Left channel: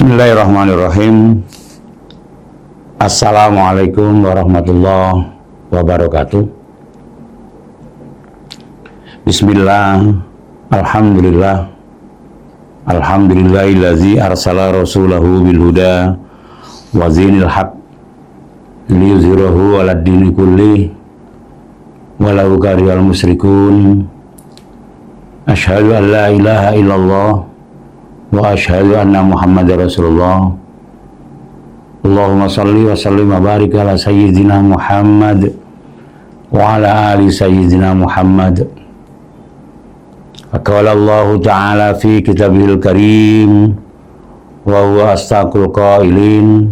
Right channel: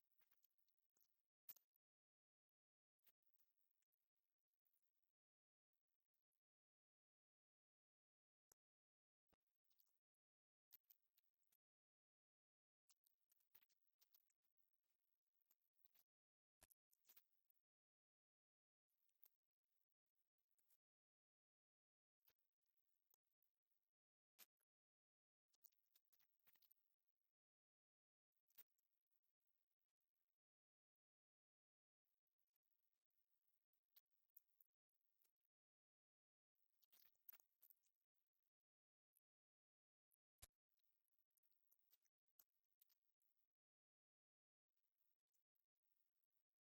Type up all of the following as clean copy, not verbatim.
Bismillahirrahmanirrahim. Assalamualaikum warahmatullahi wabarakatuh. Bismillah, alhamdulillah, alhamdulillahillazi arsala rasulahu bilhuda wa zinil haq liyuzhirahu ala dini kulli walau karihal musyrikun. Asyhadu an la ilaha illallah wa asyhadu anna Muhammadar Rasulullah. Allahumma salli wa sallim wa barik ala sayyidina Muhammad wa ala ali sayyidina Muhammad. Qala Allah Ta'ala fi kitabihil karim wa huwa astaqul qailin.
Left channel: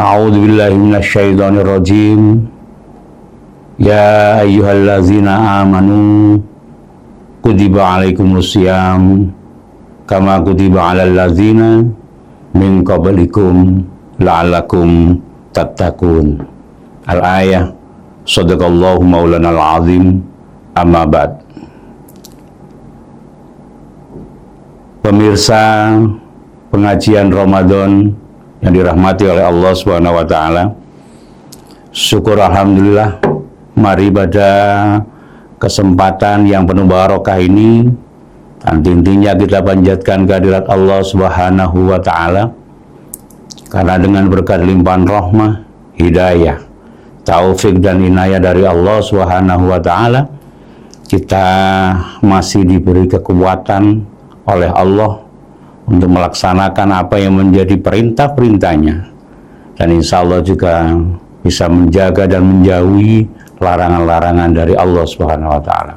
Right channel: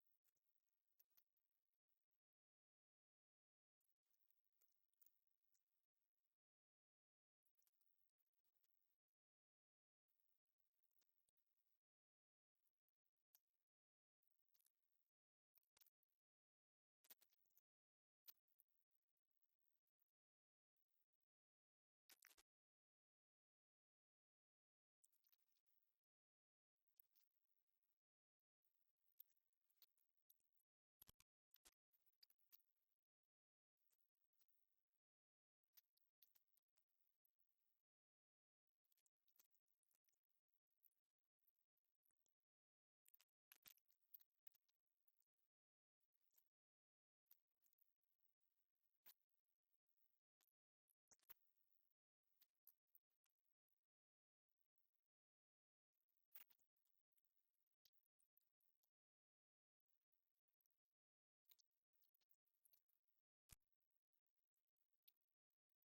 A'udzu billahi minasy syaithanir rajim. Ya ayyuhallazina amanu kutiba alaikumus syiyam kama kutiba alal ladzina min qablikum la'allakum tattaqun. Al-ayah. Shadaqallahu maulanal azim. Amma ba'd. Pemirsa pengajian Ramadan yang dirahmati oleh Allah Subhanahu wa taala. Syukur alhamdulillah, mari pada kesempatan yang penuh barokah ini intinya kita panjatkan kehadirat Allah Subhanahu wa ta'ala, karena dengan berkat limpahan rahmah, hidayah, taufik dan inayah dari Allah Subhanahu wa ta'ala, kita masih diberi kekuatan oleh Allah untuk melaksanakan apa yang menjadi perintah-perintahnya, dan insya Allah juga bisa menjaga dan menjauhi larangan-larangan dari Allah Subhanahu wa ta'ala.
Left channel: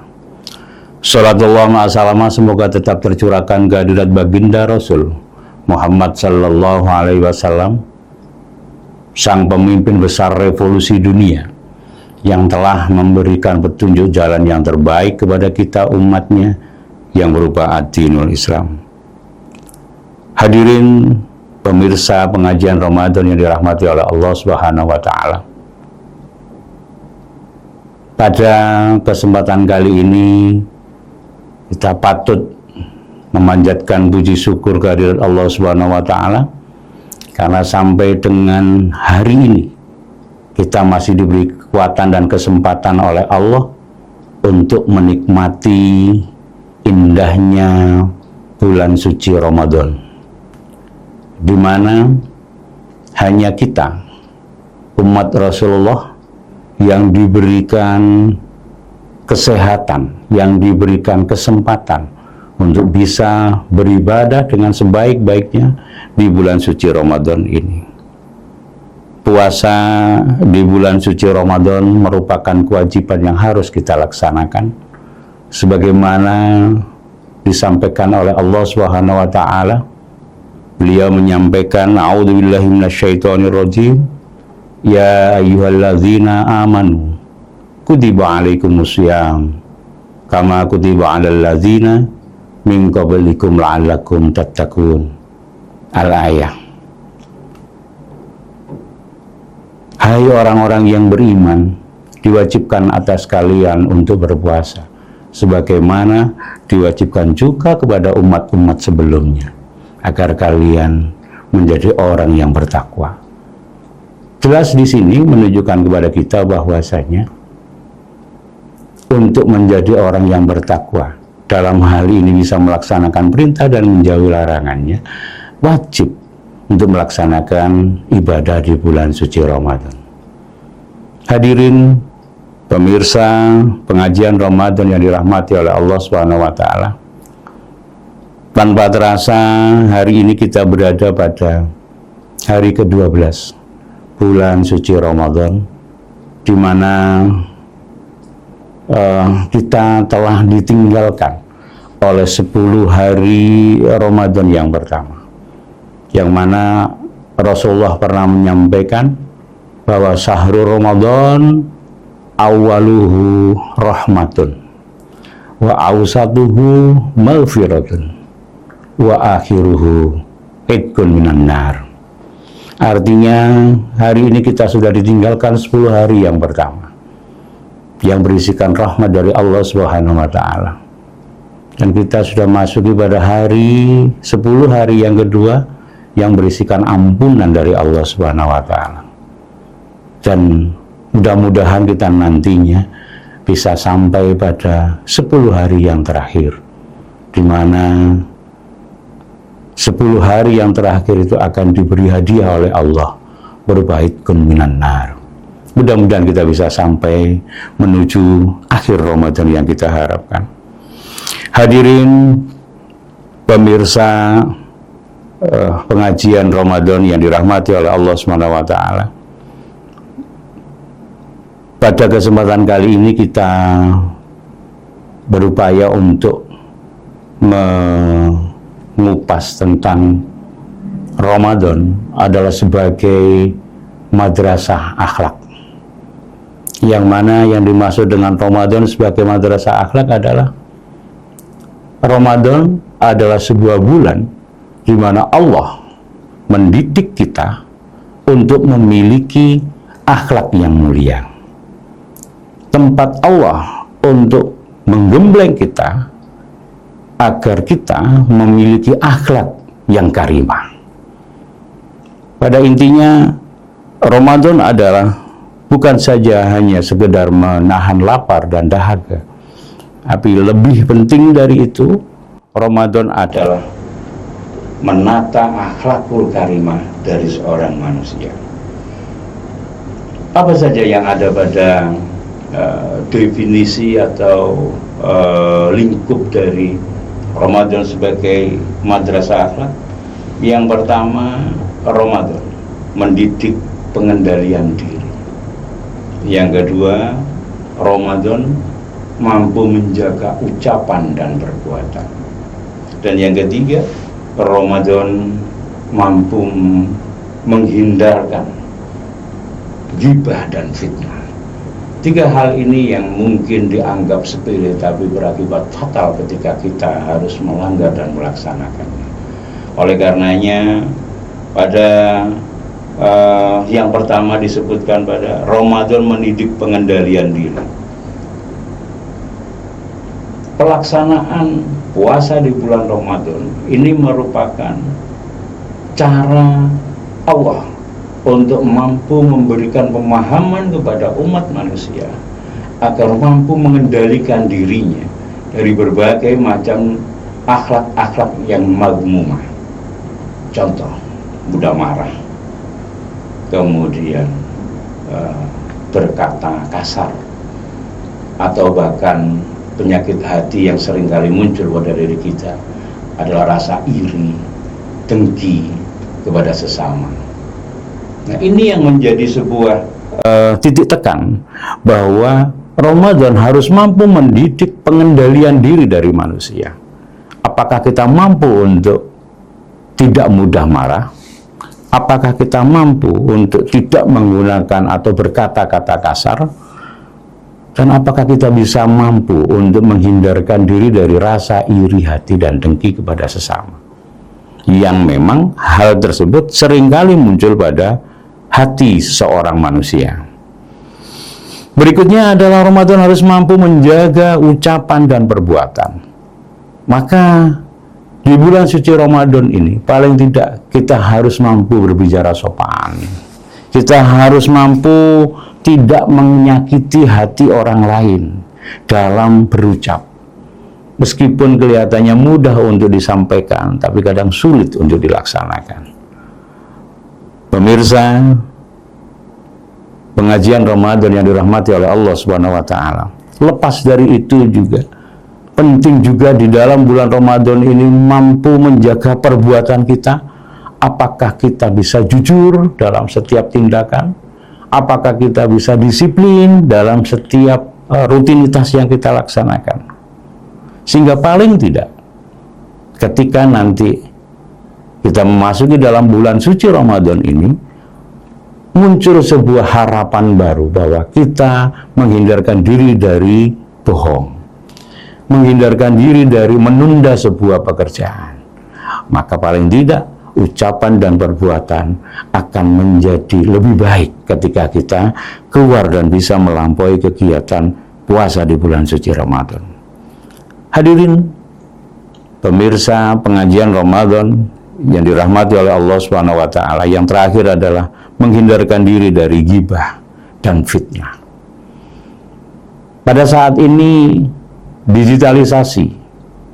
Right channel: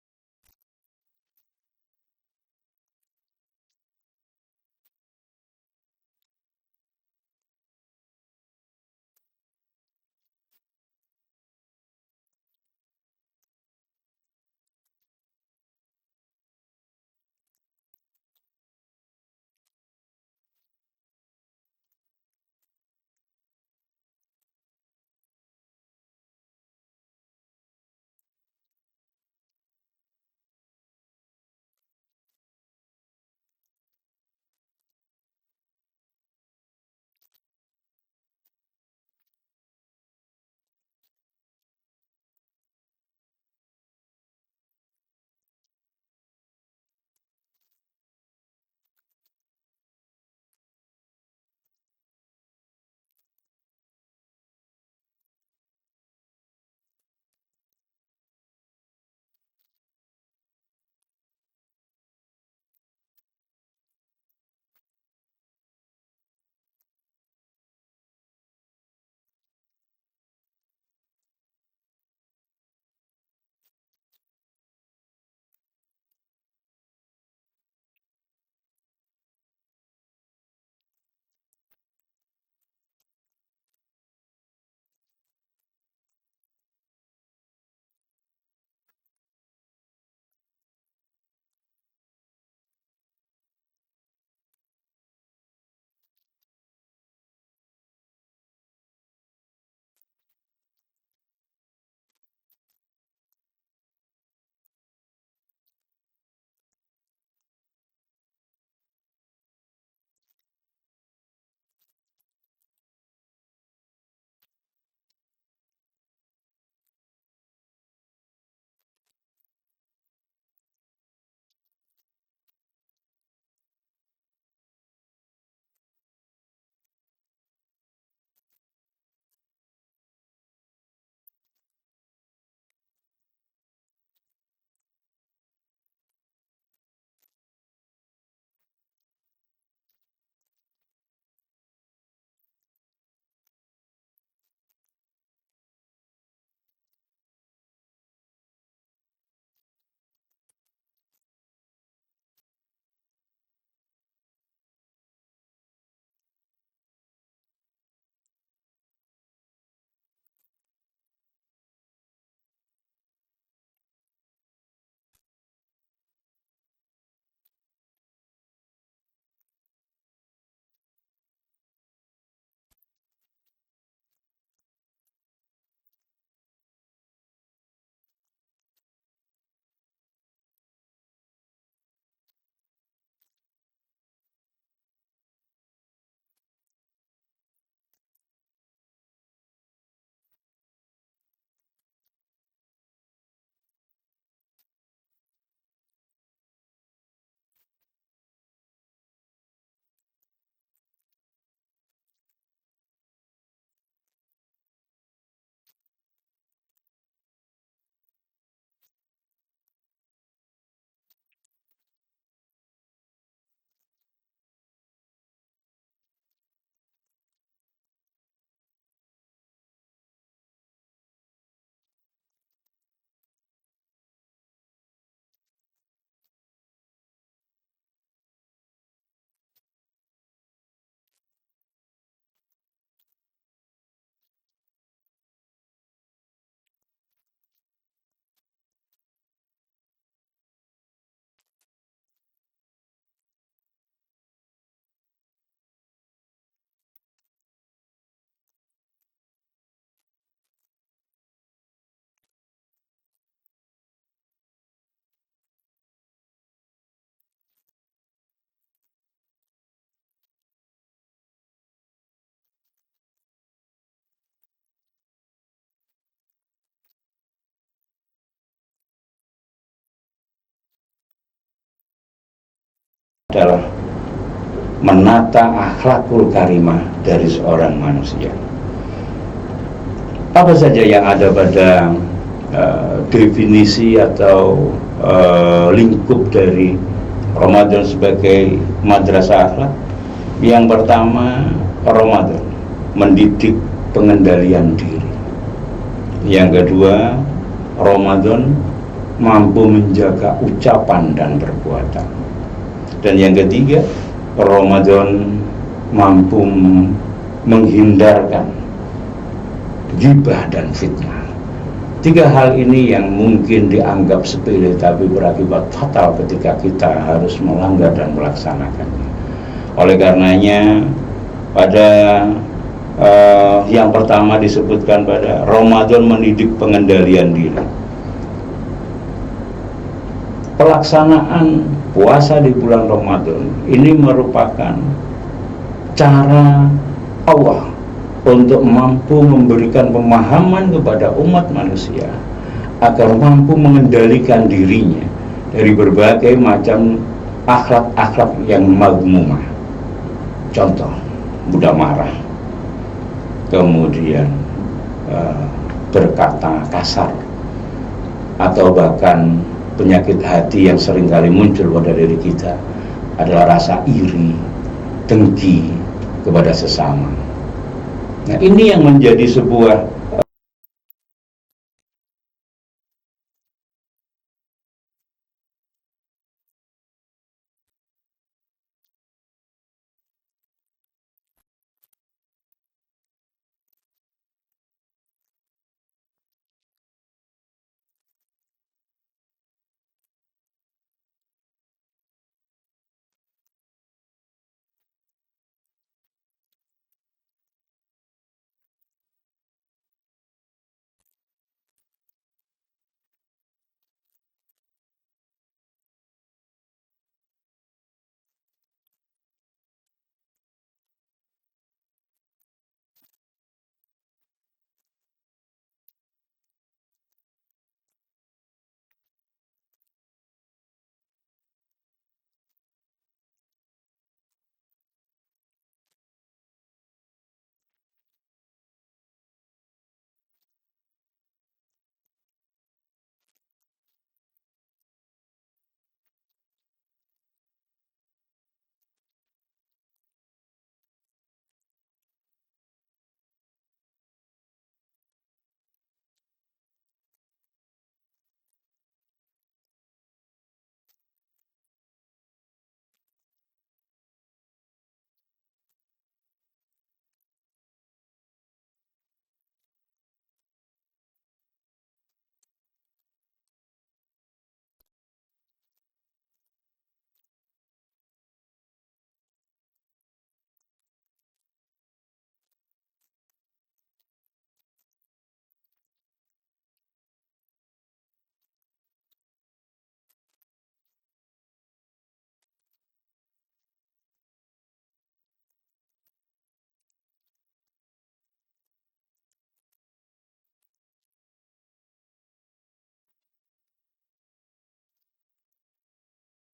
Salatullah ma'asalamah semoga tetap tercurahkan kehadirat baginda Rasul Muhammad sallallahu alaihi wasallam, sang pemimpin besar revolusi dunia yang telah memberikan petunjuk jalan yang terbaik kepada kita umatnya yang berupa ad-dinul Islam. Hadirin pemirsa pengajian Ramadan yang dirahmati oleh Allah Subhanahu wa ta'ala. Pada kesempatan kali ini kita patut memanjatkan puji syukur kehadirat Allah Subhanahu wa ta'ala, karena sampai dengan hari ini kita masih diberi kekuatan dan kesempatan oleh Allah untuk menikmati indahnya bulan suci Ramadan, di mana hanya kita umat Rasulullah yang diberikan kesehatan, yang diberikan kesempatan untuk bisa beribadah dengan sebaik-baiknya di bulan suci Ramadan ini. Puasa di bulan suci Ramadan merupakan kewajiban yang harus kita laksanakan, sebagaimana disampaikan oleh Allah Subhanahu wa ta'ala. Beliau menyampaikan, a'udzubillahi minasyaitonirrajim, ya ayyuhalladzina amanu kutiba alaikumus syiyam kama kutiba alal ladzina min qablikum la'allakum tattaqun. Al-ayah. Hai orang-orang yang beriman, diwajibkan atas kalian untuk berpuasa sebagaimana diwajibkan juga kepada umat-umat sebelumnya, agar kalian menjadi orang yang bertakwa. Jelas di sini menunjukkan kepada kita bahwasanya untuk menjadi orang yang bertakwa, dalam hal ini bisa melaksanakan perintah dan menjauhi larangannya, wajib untuk melaksanakan ibadah di bulan suci Ramadan. Hadirin pemirsa pengajian Ramadan yang dirahmati oleh Allah Subhanahu wa ta'ala, tanpa terasa hari ini kita berada pada hari ke-12 bulan suci Ramadan, di mana kita telah ditinggalkan oleh 10 hari Ramadan yang pertama, yang mana Rasulullah pernah menyampaikan bahwa syahrul Ramadan awaluhu rahmatun wa awsatuhu maghfiratun wa akhiruhu itqun minan nar. Artinya hari ini kita sudah ditinggalkan 10 hari yang pertama, yang berisikan rahmat dari Allah Subhanahu wa ta'ala. Dan kita sudah masuki pada hari 10 hari yang kedua yang berisikan ampunan dari Allah Subhanahu wa taala. Dan mudah-mudahan kita nantinya bisa sampai pada 10 hari yang terakhir, di mana 10 hari yang terakhir itu akan diberi hadiah oleh Allah berupa itqun minan nar. Mudah-mudahan kita bisa sampai menuju akhir Ramadan yang kita harapkan. Hadirin pemirsa pengajian Ramadan yang dirahmati oleh Allah Subhanahu wa taala. Pada kesempatan kali ini kita berupaya untuk mengupas tentang Ramadan adalah sebagai madrasah akhlak. Yang mana yang dimaksud dengan Ramadan sebagai madrasah akhlak adalah Ramadan adalah sebuah bulan di mana Allah mendidik kita untuk memiliki akhlak yang mulia. Tempat Allah untuk menggembleng kita agar kita memiliki akhlak yang karimah. Pada intinya, Ramadan adalah bukan saja hanya sekedar menahan lapar dan dahaga, tapi lebih penting dari itu, Ramadan adalah menata akhlakul karimah dari seorang manusia. Apa saja yang ada pada definisi atau lingkup dari Ramadan sebagai madrasah akhlak? Yang pertama, Ramadan mendidik pengendalian diri. Yang kedua, Ramadan mampu menjaga ucapan dan perbuatan. Dan yang ketiga, Ramadan mampu menghindarkan ghibah dan fitnah. 3 hal ini yang mungkin dianggap sepele tapi berakibat fatal ketika kita harus melanggar dan melaksanakannya. Oleh karenanya, pada yang pertama disebutkan pada Ramadan mendidik pengendalian diri. Pelaksanaan puasa di bulan Ramadan ini merupakan cara Allah untuk mampu memberikan pemahaman kepada umat manusia agar mampu mengendalikan dirinya dari berbagai macam akhlak-akhlak yang mazmumah. Contoh, mudah marah, kemudian berkata kasar, atau bahkan penyakit hati yang seringkali muncul pada diri kita adalah rasa iri, dengki kepada sesama. Nah, ini yang menjadi sebuah titik tekan bahwa Ramadan harus mampu mendidik pengendalian diri dari manusia. Apakah kita mampu untuk tidak mudah marah? Apakah kita mampu untuk tidak menggunakan atau berkata-kata kasar? Dan apakah kita bisa mampu untuk menghindarkan diri dari rasa iri hati dan dengki kepada sesama? Yang memang hal tersebut seringkali muncul pada hati seorang manusia. Berikutnya adalah Ramadan harus mampu menjaga ucapan dan perbuatan. Maka di bulan suci Ramadan ini paling tidak kita harus mampu berbicara sopan. Kita harus mampu tidak menyakiti hati orang lain dalam berucap. Meskipun kelihatannya mudah untuk disampaikan, tapi kadang sulit untuk dilaksanakan. Pemirsa, pengajian Ramadan yang dirahmati oleh Allah Subhanahu wa taala. Lepas dari itu juga penting juga di dalam bulan Ramadan ini mampu menjaga perbuatan kita. Apakah kita bisa jujur dalam setiap tindakan? Apakah kita bisa disiplin dalam setiap rutinitas yang kita laksanakan? Sehingga paling tidak, ketika nanti kita memasuki dalam bulan suci Ramadan ini, muncul sebuah harapan baru bahwa kita menghindarkan diri dari bohong, menghindarkan diri dari menunda sebuah pekerjaan. Maka paling tidak, ucapan dan perbuatan akan menjadi lebih baik ketika kita keluar dan bisa melampaui kegiatan puasa di bulan suci Ramadan. Hadirin pemirsa pengajian Ramadan yang dirahmati oleh Allah Subhanahu wa taala, yang terakhir adalah menghindarkan diri dari ghibah dan fitnah. Pada saat ini digitalisasi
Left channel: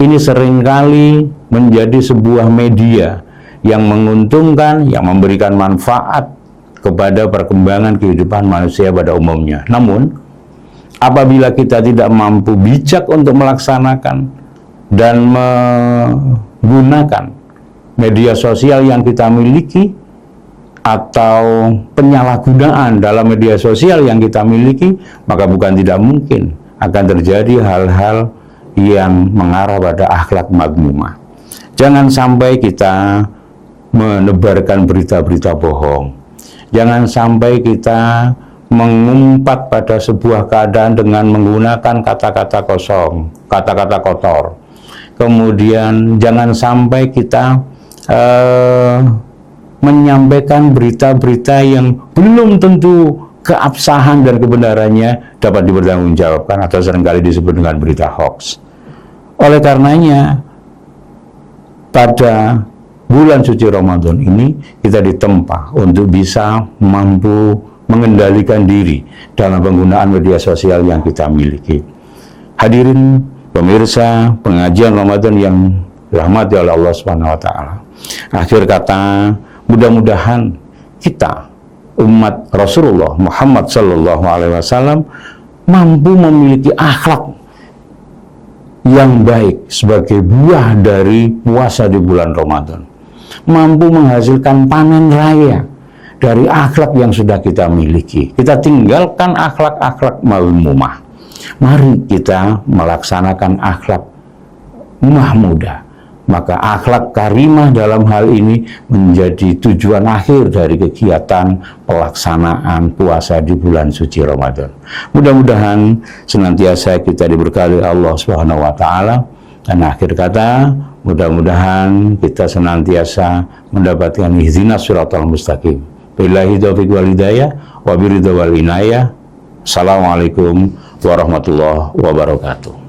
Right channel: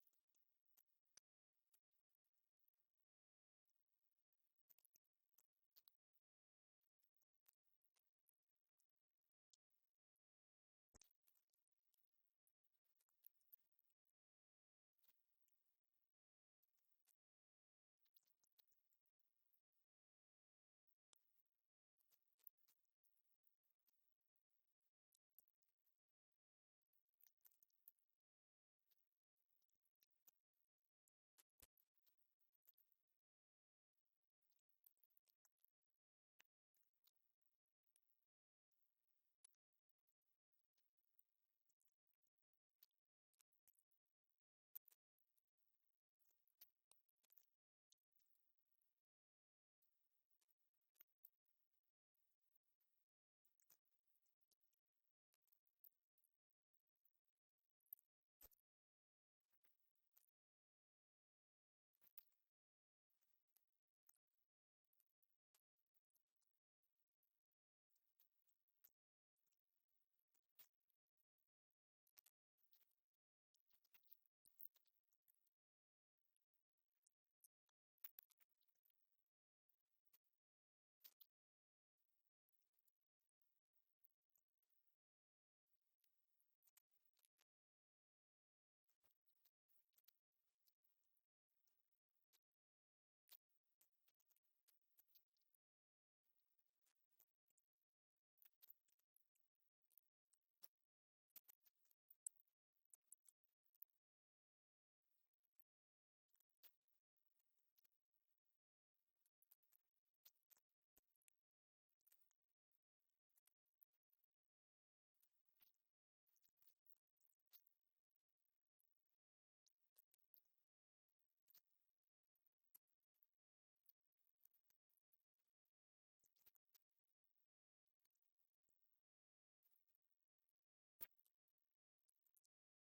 ini seringkali menjadi sebuah media yang menguntungkan, yang memberikan manfaat kepada perkembangan kehidupan manusia pada umumnya. Namun, apabila kita tidak mampu bijak untuk melaksanakan dan menggunakan media sosial yang kita miliki, atau penyalahgunaan dalam media sosial yang kita miliki, maka bukan tidak mungkin akan terjadi hal-hal yang mengarah pada akhlak madmumah. Jangan sampai kita menebarkan berita-berita bohong. Jangan sampai kita mengumpat pada sebuah keadaan dengan menggunakan kata-kata kosong, kata-kata kotor. Kemudian jangan sampai kita menyampaikan berita-berita yang belum tentu keabsahan dan kebenarannya dapat dipertanggungjawabkan atau seringkali disebut dengan berita hoax. Oleh karenanya, pada bulan suci Ramadan ini kita ditempa untuk bisa mampu mengendalikan diri dalam penggunaan media sosial yang kita miliki. Hadirin pemirsa pengajian Ramadan yang dirahmati oleh Allah Subhanahu wa taala. Akhir kata, mudah-mudahan kita umat Rasulullah Muhammad sallallahu alaihi wasallam mampu memiliki akhlak yang baik sebagai buah dari puasa di bulan Ramadan. Mampu menghasilkan panen raya dari akhlak yang sudah kita miliki. Kita tinggalkan akhlak-akhlak mazmumah. Mari kita melaksanakan akhlak mahmudah. Maka akhlak karimah dalam hal ini menjadi tujuan akhir dari kegiatan pelaksanaan puasa di bulan suci Ramadan. Mudah-mudahan senantiasa kita diberkahi Allah Subhanahu wa taala, dan akhir kata mudah-mudahan kita senantiasa mendapatkan ihdinas siratal mustaqim. Billahi taufiq wal hidayah wa biridha wal inayah. Assalamualaikum warahmatullahi wabarakatuh.